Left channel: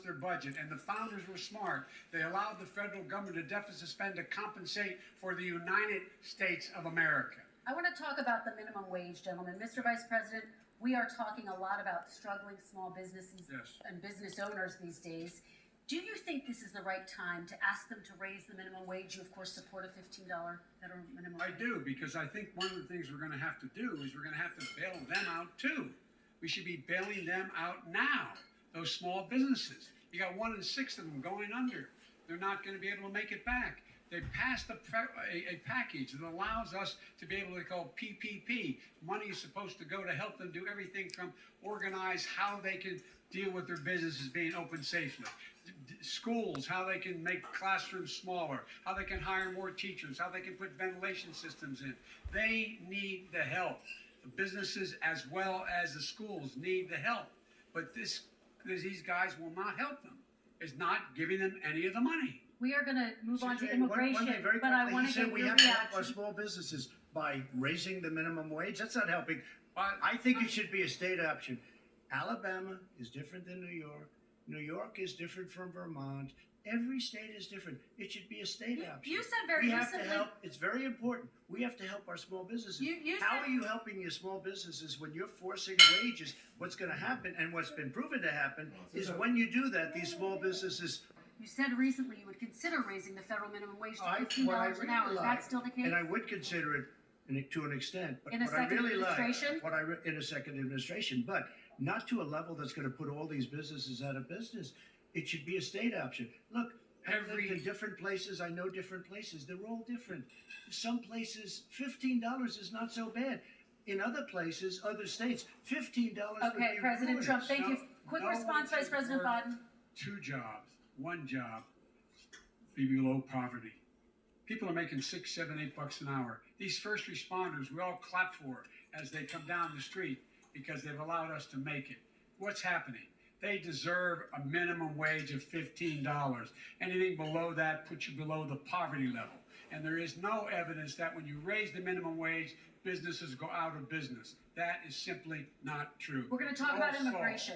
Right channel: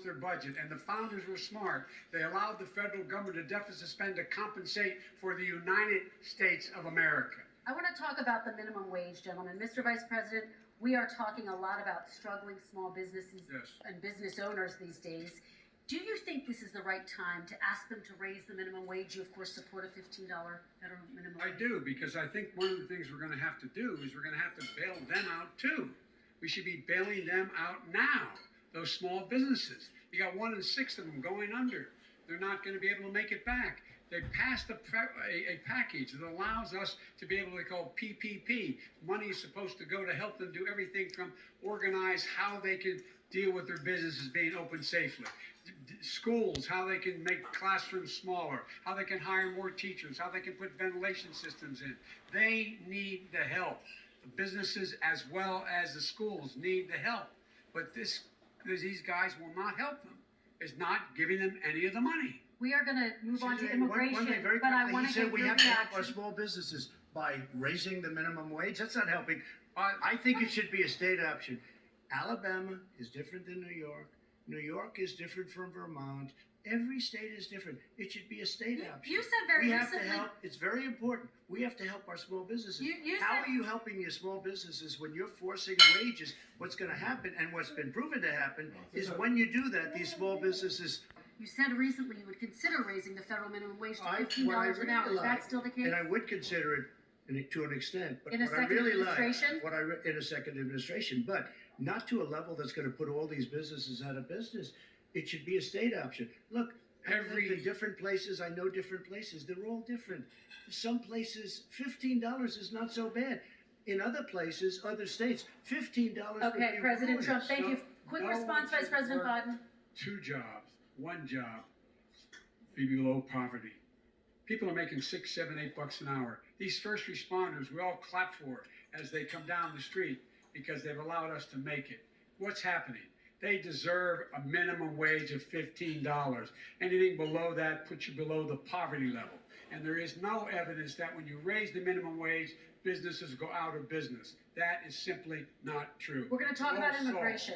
their budget, and the founders were smart. They allowed the federal government to deficit spend to compensate for the United States of America. I want to talk about the minimum wage, gentlemen. Mr. Vice President, we are talking a lot about struggling small businesses and business owners these days. Do you think this is the right time to ask them to raise the minimum wage? You, of course, support a $15 federal minimum wage. I do, because I think one of the things we're going to have to do is we're going to have to bail them out, too. We should be bailing them out now, those small businesses. You got 1 in 6 of them going under. They're not going to be able to make it back. They passed a package that allows us to be able to call PPP. Money is supposed to go to help them do everything from organize how they can deal with their businesses being open safely. Schools, how they can make classrooms smaller, how they can hire more teachers, how they can put ventilation systems in. They need the help. The businesses as well as the schools need the help. But these guys will not help them. It's not giving them any of the money. We are going to move on to immigration, but I want to get we your have to help our reaction. small businesses by raising the minimum wage. That's not helping. I think it should be a state option. Alabama is different than New York. New York is different from Vermont. Every state is different. It should be a state option. You said very we have recently. to help. It's very important. We have to help our small businesses. How are you helping your small businesses when you're forcing wages? What's going to happen, and what's been proven to happen, is when you do that, these small businesses. You said recently you would consider raising the federal minimum wage to $15 an hour. Is that still the case? And I would consider it to an extent. But In a what I second really administration? in a second administration, but not to a level that's going to put all these businesses out of business. It should be a state option. Look, I've lived in different places. I know different places. They're all different. Some places, $15 is not so bad. In other places, other states, $15 would be President ruinous. Trump, thank you. Quick response, Vice President Biden. 2 jobs, 1 job, be below poverty. People are making $6, $7, $8 an hour. These first responders, we all clap for as they come down the street because they've allowed us to make it. What's happening? They deserve a minimum wage of $15. Anything below that puts you below the poverty level. And there is no evidence that when you raise the minimum wage, businesses go out of business. That is simply not true. We're going to talk about immigration.